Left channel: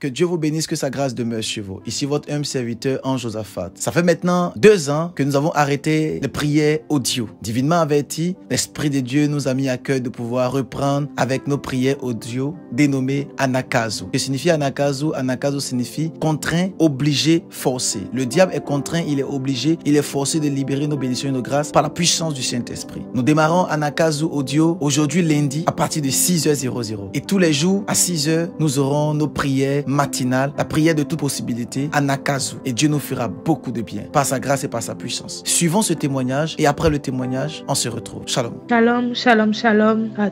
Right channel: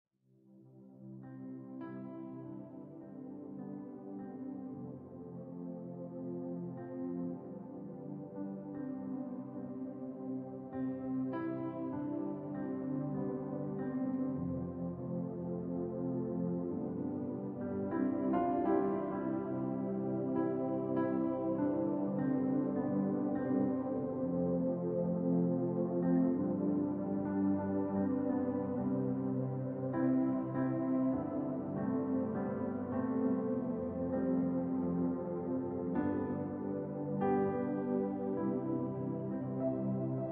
Que Dieu vous bénisse, que sa grâce demeure chez vous. Ici votre humble serviteur, Ange Josaphat. Ça fait maintenant 2 ans que nous avons arrêté les prières audio. Divinement averti, l'Esprit de Dieu nous a mis à cœur de pouvoir reprendre avec nos prières audio dénommées Anagkazo. Que signifie Anagkazo? Anagkazo signifie contraint, obligé, forcé. Le diable est contraint, il est obligé, il est forcé de libérer nos bénédictions et nos grâces par la puissance du Saint-Esprit. Nous démarrons Anagkazo audio aujourd'hui lundi à partir de 6h00. Et tous les jours à 6h, nous aurons nos prières matinales, la prière de toute possibilité, Anagkazo. Et Dieu nous fera beaucoup de bien par sa grâce et par sa puissance. Suivons ce témoignage et après le témoignage, on se retrouve. Shalom. Shalom, shalom, shalom à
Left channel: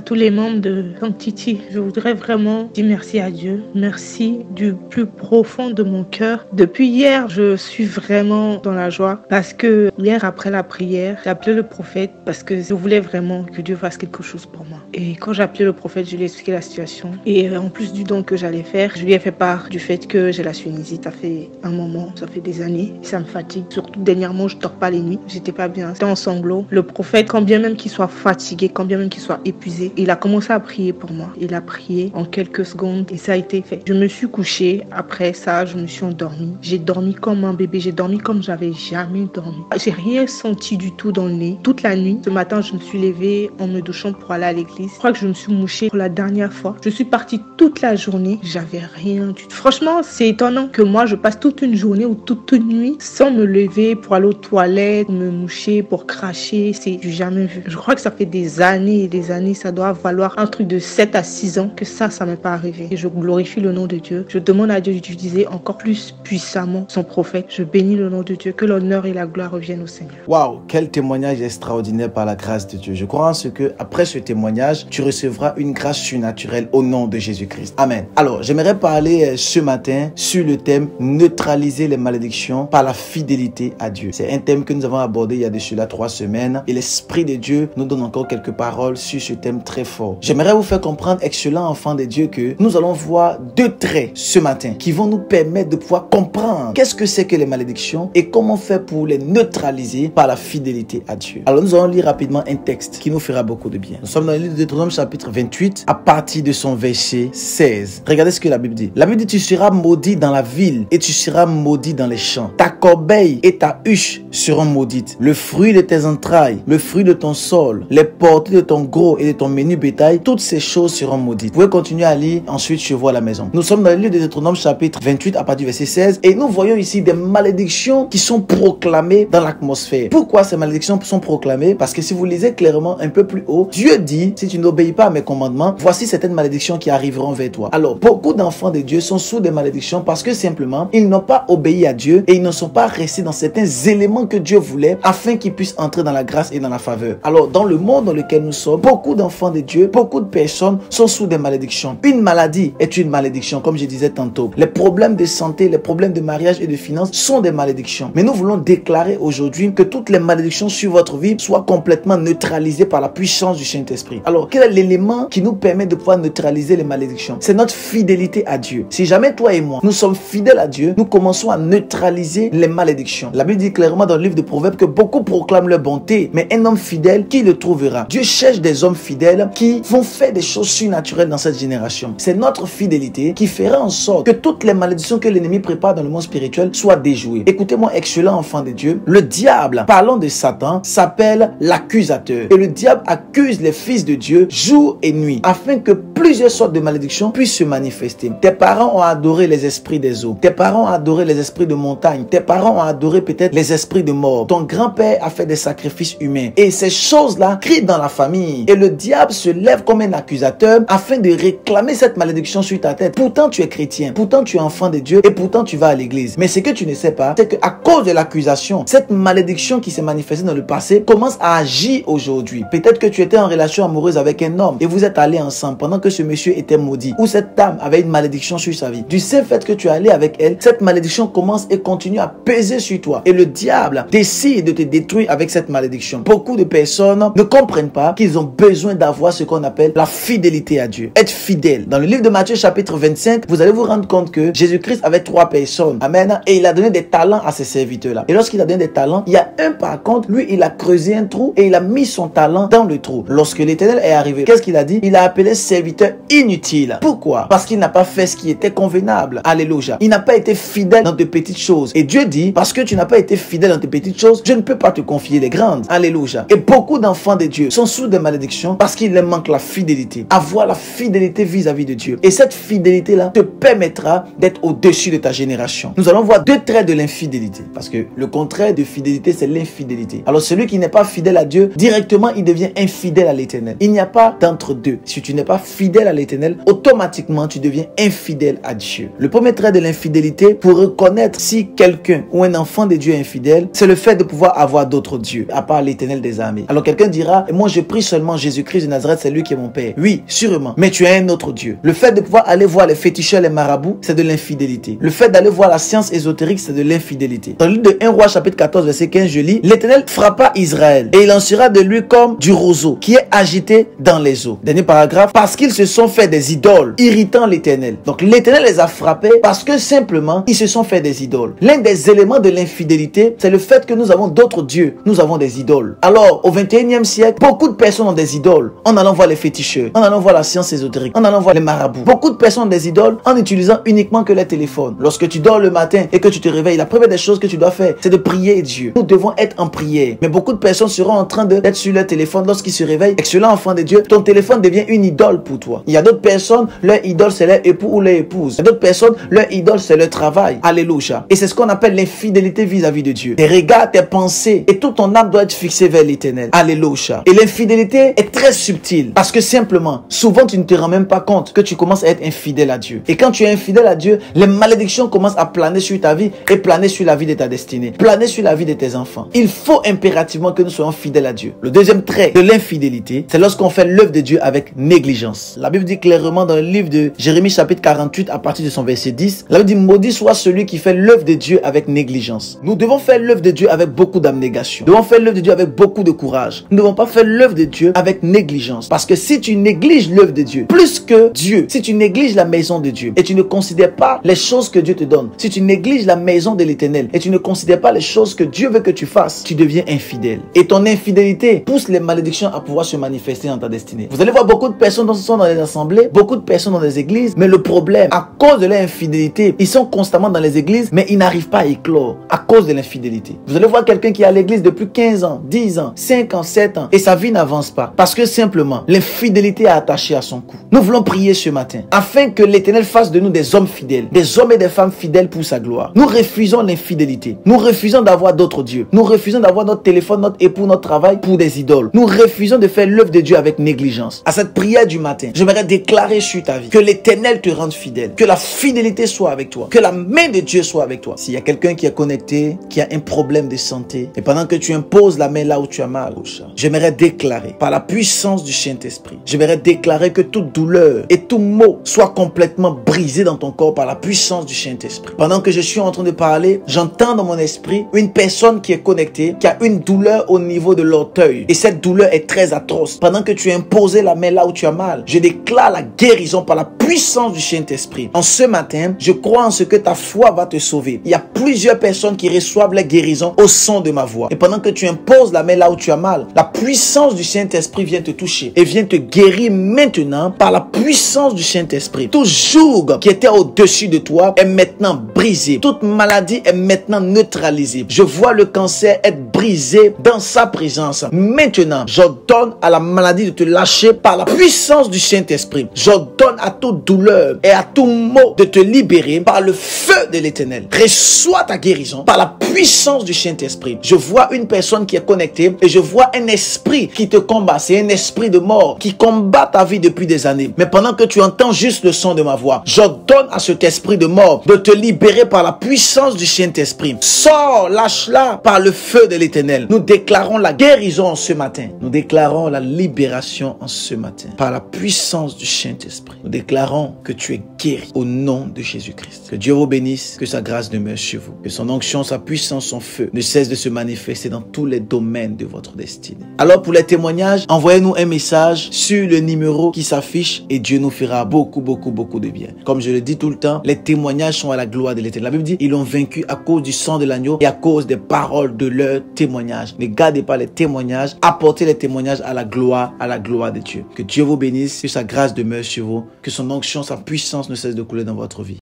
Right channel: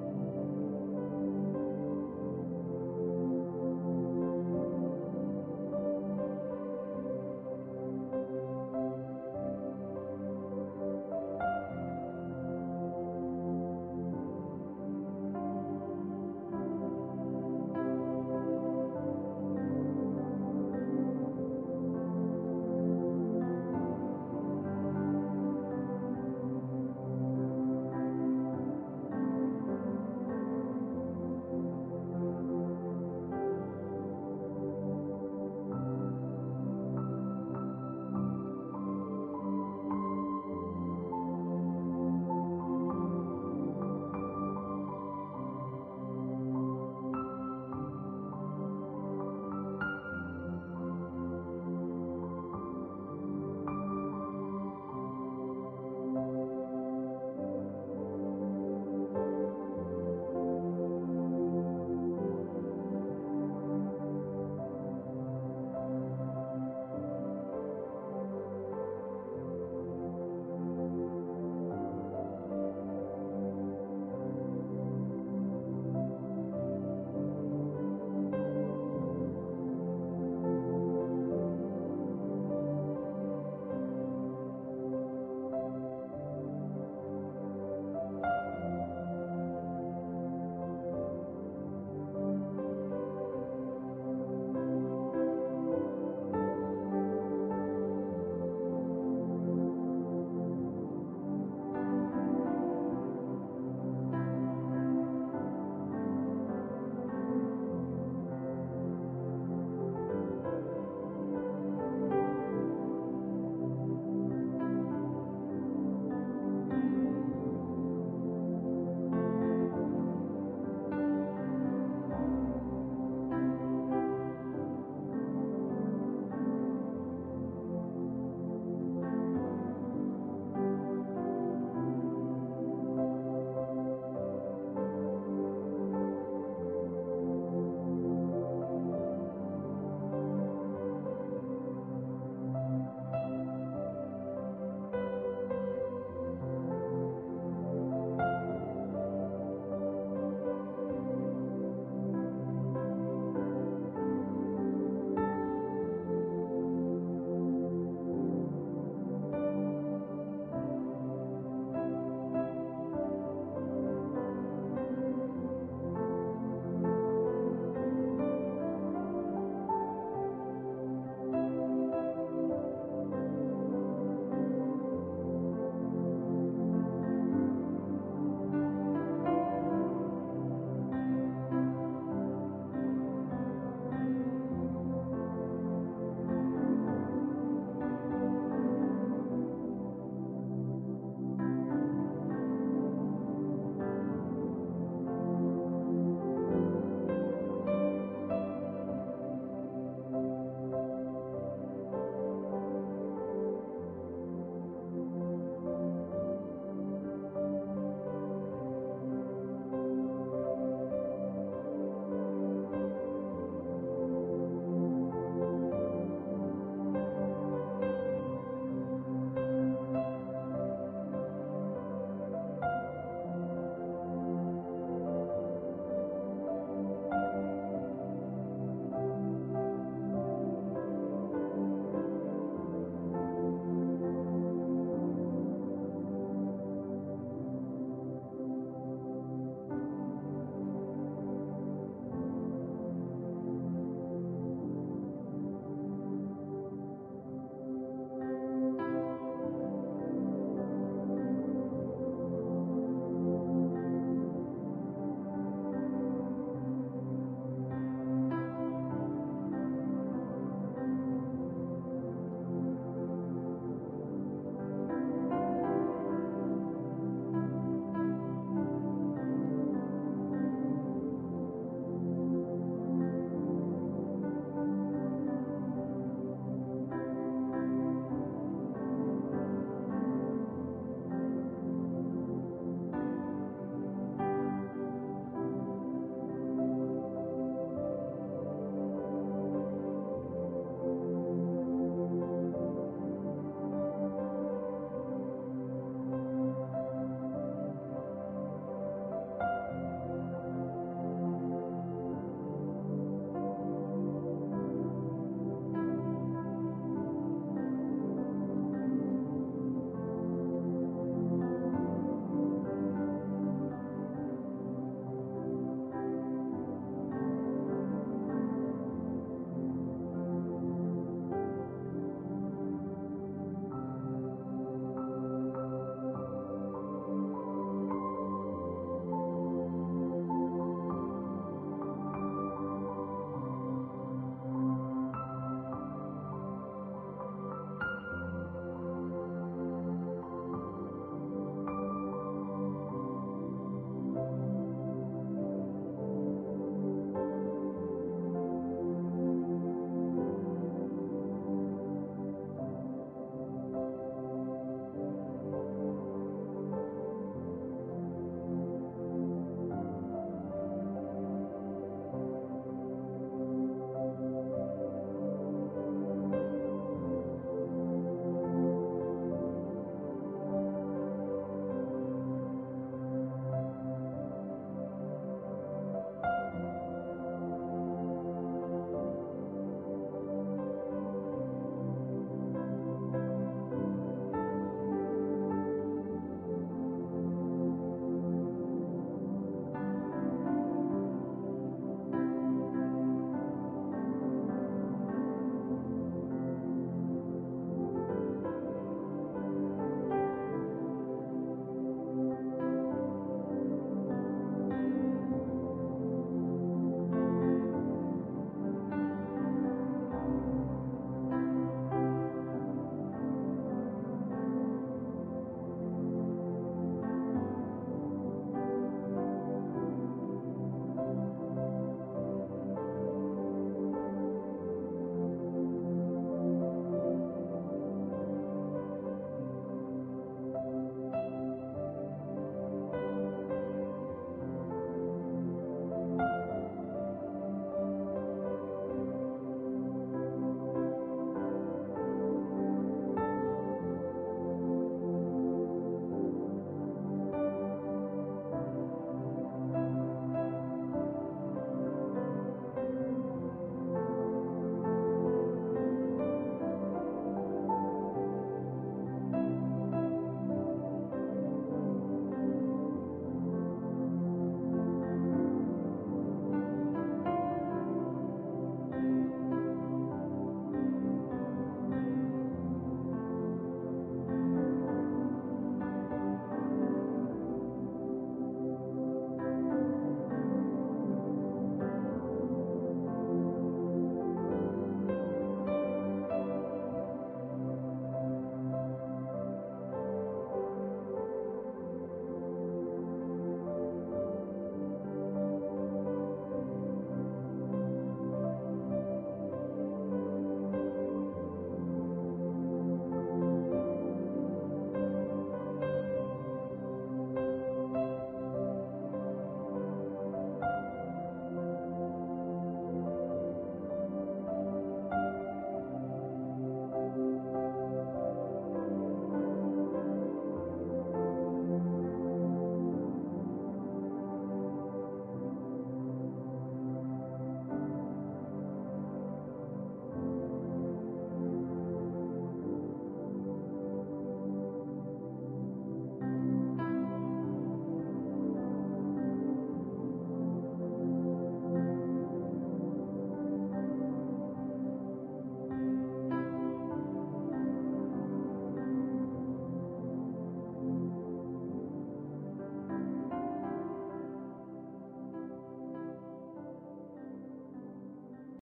tous les membres de Sanctity. Je voudrais vraiment dire merci à Dieu. Merci du plus profond de mon cœur. Depuis hier, je suis vraiment dans la joie parce que hier, après la prière, j'ai appelé le prophète parce que je voulais vraiment que Dieu fasse quelque chose pour moi. Et quand j'ai appelé le prophète, je lui ai expliqué la situation. Et en plus du don que j'allais faire, je lui ai fait part du fait que j'ai la sinusite. Ça fait un moment, ça fait des années. Ça me fatigue. Surtout dernièrement, je ne dors pas les nuits. J'étais pas bien. J'étais en sanglots. Le prophète, quand bien même qu'il soit fatigué, quand bien même qu'il soit épuisé, il a commencé à prier pour moi. Il a prié en quelques secondes et ça a été fait. Je me suis couchée. Après ça, je me suis endormie. J'ai dormi comme un bébé. J'ai dormi comme j'avais jamais dormi. J'ai rien senti du tout dans le nez. Toute la nuit, ce matin, je me suis levée en me douchant pour aller à l'église. Je crois que je me suis mouchée pour la dernière fois. Je suis partie toute la journée. J'avais rien du tout. Franchement, c'est étonnant que moi, je passe toute une journée ou toute une nuit sans me lever pour aller aux toilettes, pour me moucher, pour cracher. C'est du jamais vu. Je crois que ça fait des années et des années. Ça doit valoir un truc de 7 à 6 ans que ça m'est pas arrivé. Et je glorifie le nom de Dieu. Je demande à Dieu d'utiliser encore plus puissamment son prophète. Je bénis le nom de Dieu. Que l'honneur et la gloire reviennent au Seigneur. Waouh, quel témoignage extraordinaire par la grâce de Dieu. Je crois en ce que après ce témoignage, tu recevras une grâce surnaturelle au nom de Jésus-Christ. Amen. Alors, j'aimerais parler ce matin sur le thème neutraliser les malédictions par la fidélité à Dieu. C'est un thème que nous avons abordé il y a de cela 3 semaines et l'Esprit de Dieu nous donne encore quelques paroles sur ce thème très fort. J'aimerais vous faire comprendre, excellent enfant de Dieu, que nous allons voir 2 traits ce matin qui vont nous permettre de pouvoir comprendre qu'est-ce que c'est que les malédictions et comment faire pour les neutraliser par la fidélité à Dieu. Alors, nous allons lire rapidement un texte qui nous fera beaucoup de bien. Nous sommes dans le livre de Deutéronome chapitre 28 à partir de son verset 16. Regardez ce que la Bible dit. La Bible dit: tu seras maudit dans la ville et tu seras maudit dans les champs. Ta corbeille et ta huche seront maudites. Le fruit de tes entrailles, le fruit de ton sol, les portées de ton gros et de ton menu bétail, toutes ces choses seront maudites. Vous pouvez continuer à lire ensuite chez vous à la maison. Nous sommes dans le livre de Deutéronome chapitre 28 à partir du verset 16 et nous voyons ici des malédictions qui sont proclamées dans l'atmosphère. Pourquoi ces malédictions sont proclamées? Parce que si vous lisez clairement un peu plus haut, Dieu dit: si tu n'obéis pas à mes commandements, voici certaines malédictions qui arriveront vers toi. Alors, beaucoup d'enfants de Dieu sont sous des malédictions parce que simplement, ils n'ont pas obéi à Dieu et ils ne sont pas restés dans certains éléments que Dieu voulait afin qu'ils puissent entrer dans la grâce et dans la faveur. Alors, dans le monde dans lequel nous sommes, beaucoup d'enfants de Dieu, beaucoup de personnes sont sous des malédictions. Une maladie est une malédiction, comme je disais tantôt. Les problèmes de santé, les problèmes de mariage et de finances sont des malédictions. Mais nous voulons déclarer aujourd'hui que toutes les malédictions sur votre vie soient complètement neutralisées par la puissance du Saint-Esprit. Alors, quel est l'élément qui nous permet de pouvoir neutraliser les malédictions? C'est notre fidélité à Dieu. Si jamais toi et moi, nous sommes fidèles à Dieu, nous commençons à neutraliser les malédictions. La Bible dit clairement dans le livre de Proverbes que beaucoup proclament leur bonté, mais un homme fidèle, qui le trouvera? Dieu cherche des hommes fidèles qui vont faire des choses surnaturelles dans cette génération. C'est notre fidélité qui fera en sorte que toutes les malédictions que l'ennemi prépare dans le monde spirituel soient déjouées. Écoutez-moi, excellent enfant de Dieu, le diable, parlant de Satan, s'appelle l'accusateur. Et le diable accuse les fils de Dieu jour et nuit afin que plusieurs sortes de malédictions puissent se manifester. Tes parents ont adoré les esprits des eaux. Tes parents ont adoré les esprits de montagne. Tes parents ont adoré peut-être les esprits de mort. Ton grand-père a fait des sacrifices humains. Et ces choses-là crient dans la famille. Et le diable se lève comme un accusateur afin de réclamer cette malédiction sur ta tête. Pourtant, tu es chrétien. Pourtant, tu es enfant de Dieu. Et pourtant, tu vas à l'église. Mais ce que tu ne sais pas, c'est qu'à cause de l'accusation, cette malédiction qui s'est manifestée dans le passé commence à agir aujourd'hui. Peut-être que tu étais en relation amoureuse avec un homme et vous êtes allés ensemble pendant que ce monsieur était maudit ou cette dame avait une malédiction sur sa vie. Du seul fait que tu es allé avec elle, cette malédiction commence et continue à peser sur toi et le diable décide de te détruire avec cette malédiction. Beaucoup de personnes ne comprennent pas qu'ils ont besoin d'avoir ce qu'on appelle la fidélité à Dieu. Être fidèle. Dans le livre de Matthieu chapitre 25, vous allez vous rendre compte que Jésus-Christ avait 3 personnes. Amen. Et il a donné des talents à ces serviteurs-là. Et lorsqu'il a donné des talents, il y a un par contre, lui, il a creusé un trou et il a mis son talent dans le trou. Lorsque l'Éternel est arrivé, qu'est-ce qu'il a dit? Il a appelé serviteur inutile. Pourquoi? Parce qu'il n'a pas fait ce qui était convenable. Alléluia. Il n'a pas été fidèle dans de petites choses. Et Dieu dit, parce que tu n'as pas été fidèle dans tes petites choses, je ne peux pas te confier les grandes. Alléluia. Et beaucoup d'enfants de Dieu sont sous des malédictions parce qu'il leur manque la fidélité. Avoir la fidélité vis-à-vis de Dieu. Et cette fidélité-là te permettra d'être au-dessus de ta génération. Nous allons voir 2 traits de l'infidélité. Parce que le contraire de fidélité, c'est l'infidélité. Alors celui qui n'est pas fidèle à Dieu, directement, il devient infidèle à l'Éternel. Il n'y a pas d'entre-deux. Si tu n'es pas fidèle à l'Éternel, automatiquement, tu deviens infidèle à Dieu. Le premier trait de l'infidélité, pour reconnaître si quelqu'un ou un enfant de Dieu est infidèle, c'est le fait de pouvoir avoir d'autres dieux, à part l'Éternel des armées. Alors quelqu'un dira, moi je prie seulement Jésus-Christ de Nazareth, c'est lui qui est mon Père. Oui, sûrement, mais tu as un autre Dieu. Le fait de pouvoir aller voir les féticheurs, les marabouts, c'est de l'infidélité. Le fait d'aller voir la science ésotérique, c'est de l'infidélité. Dans le livre de 1 Roi chapitre 14 verset 15, je lis, l'Éternel frappa Israël et il en sera de lui comme du roseau qui est agité dans les eaux. Dernier paragraphe, parce qu'ils se sont fait des idoles, irritant l'Éternel. Donc l'Éternel les a frappés parce que simplement, ils se sont fait des idoles. L'un des éléments de l'infidélité, c'est le fait que nous avons d'autres dieux. Nous avons des idoles. Alors, au 21e siècle, beaucoup de personnes ont des idoles en allant voir les féticheurs, en allant voir la science ésotérique, en allant voir les marabouts. Beaucoup de personnes ont des idoles en utilisant uniquement que les téléphones. Lorsque tu dors le matin et que tu te réveilles, la première des choses que tu dois faire, c'est de prier Dieu. Nous devons être en prière. Mais beaucoup de personnes seront en train d'être sur leur téléphone lorsqu'ils se réveillent. Excellent enfant de Dieu, ton téléphone devient une idole pour toi. Il y a d'autres personnes, leur idole c'est leur époux ou leur épouse. Il y a d'autres personnes, leur idole c'est leur travail. Alléluia. Et c'est ce qu'on appelle l'infidélité vis-à-vis de Dieu. Tes regards, tes pensées et toute ton âme doit être fixée vers l'Éternel. Alléluia. Et l'infidélité est très subtile parce que simplement, souvent tu ne te rends même pas compte que tu commences à être infidèle à Dieu. Et quand tu es infidèle à Dieu, les malédictions commencent à planer sur ta vie et planer sur la vie de ta destinée, planer sur la vie de tes enfants. Il faut impérativement que nous soyons fidèles à Dieu. Le deuxième trait de l'infidélité, c'est lorsqu'on fait l'œuvre de Dieu avec négligence. La Bible dit clairement dans le livre de Jérémie chapitre 48 à partir de son verset 10, la Bible dit, maudit soit celui qui fait l'œuvre de Dieu avec négligence. Nous devons faire l'œuvre de Dieu avec beaucoup d'abnégation. Nous devons faire l'œuvre de Dieu avec beaucoup de courage. Nous ne devons pas faire l'œuvre de Dieu avec négligence. Parce que si tu négliges l'œuvre de Dieu, plus que Dieu, si tu négliges la maison de Dieu et tu ne considères pas les choses que Dieu te donne, si tu négliges la maison de l'Éternel et tu ne considères pas les choses que Dieu veut que tu fasses, tu deviens infidèle. Et ton infidélité pousse les malédictions à pouvoir se manifester dans ta destinée. Vous allez voir beaucoup de personnes qui sont dans les assemblées, beaucoup de personnes dans les églises, mais le problème, à cause de leur infidélité, ils sont constamment dans les églises, mais ils n'arrivent pas à éclore à cause de l'infidélité. Vous allez voir quelqu'un qui est à l'église depuis 15 ans, 10 ans, 5 ans, 7 ans, et sa vie n'avance pas. Parce que simplement, l'infidélité est attachée à son cou. Nous voulons prier ce matin, afin que l'Éternel fasse de nous des hommes fidèles, des hommes et des femmes fidèles pour sa gloire. Nous refusons l'infidélité. Nous refusons d'avoir d'autres dieux. Nous refusons d'avoir notre téléphone, notre époux, notre travail pour des idoles. Nous refusons de faire l'œuvre de Dieu avec négligence. À cette prière du matin, j'aimerais déclarer sur ta vie que l'Éternel te rende fidèle, que la fidélité soit avec toi, que la main de Dieu soit avec toi. S'il y a quelqu'un qui est connecté, qui a un problème de santé, et pendant que tu imposes la main là où tu as mal, j'aimerais déclarer par la puissance du Saint-Esprit, j'aimerais déclarer que toute douleur et tout mot soit complètement brisé dans ton corps par la puissance du Saint-Esprit. Pendant que je suis en train de parler, j'entends dans mon esprit une personne qui est connectée, qui a une douleur au niveau de l'orteil. Et cette douleur est très atroce. Pendant que tu as imposé la main là où tu as mal, je déclare la guérison par la puissance du Saint-Esprit. En ce matin, je crois en ce que ta foi va te sauver. Il y a plusieurs personnes qui reçoivent la guérison au son de ma voix. Et pendant que tu imposes la main là où tu as mal, la puissance du Saint-Esprit vient te toucher et vient te guérir maintenant par la puissance du Saint-Esprit. Tout joug qui était au-dessus de toi est maintenant brisé. Toute maladie est maintenant neutralisée. Je vois le cancer être brisé dans sa présence. Maintenant, j'ordonne à la maladie de te lâcher par la puissance du Saint-Esprit. J'ordonne à toute douleur et à tout mot de te libérer par le feu de l'Éternel. Reçois ta guérison par la puissance du Saint-Esprit. Je vois une personne qui est connectée et je vois un esprit qui te combat. C'est un esprit de mort qui combat ta vie depuis des années. Mais pendant que tu entends juste le son de ma voix, j'ordonne à cet esprit de mort de te libérer par la puissance du Saint-Esprit. Sors, lâche-la par le feu de l'Éternel. Nous déclarons la guérison en ce matin. Nous déclarons la libération en ce matin par la puissance du Saint-Esprit. Nous déclarons déclarons que tu es guéri au nom de Jésus-Christ. Que Dieu vous bénisse, que sa grâce demeure sur vous, que son onction, sa puissance, son feu ne cesse de se manifester dans tous les domaines de votre destinée. Alors pour les témoignages, envoyez-nous un message sur le numéro qui s'affiche et Dieu nous fera beaucoup de bien. Comme je le dis tout le temps, les témoignages sont à la gloire de l'Éternel. La Bible dit, ils l'ont vaincu à cause du sang de l'agneau et à cause des paroles de leurs témoignages. Ne gardez pas les témoignages, apportez les témoignages à la gloire de Dieu. Que Dieu vous bénisse, que sa grâce demeure sur vous, que son onction, sa puissance ne cesse de couler dans votre vie.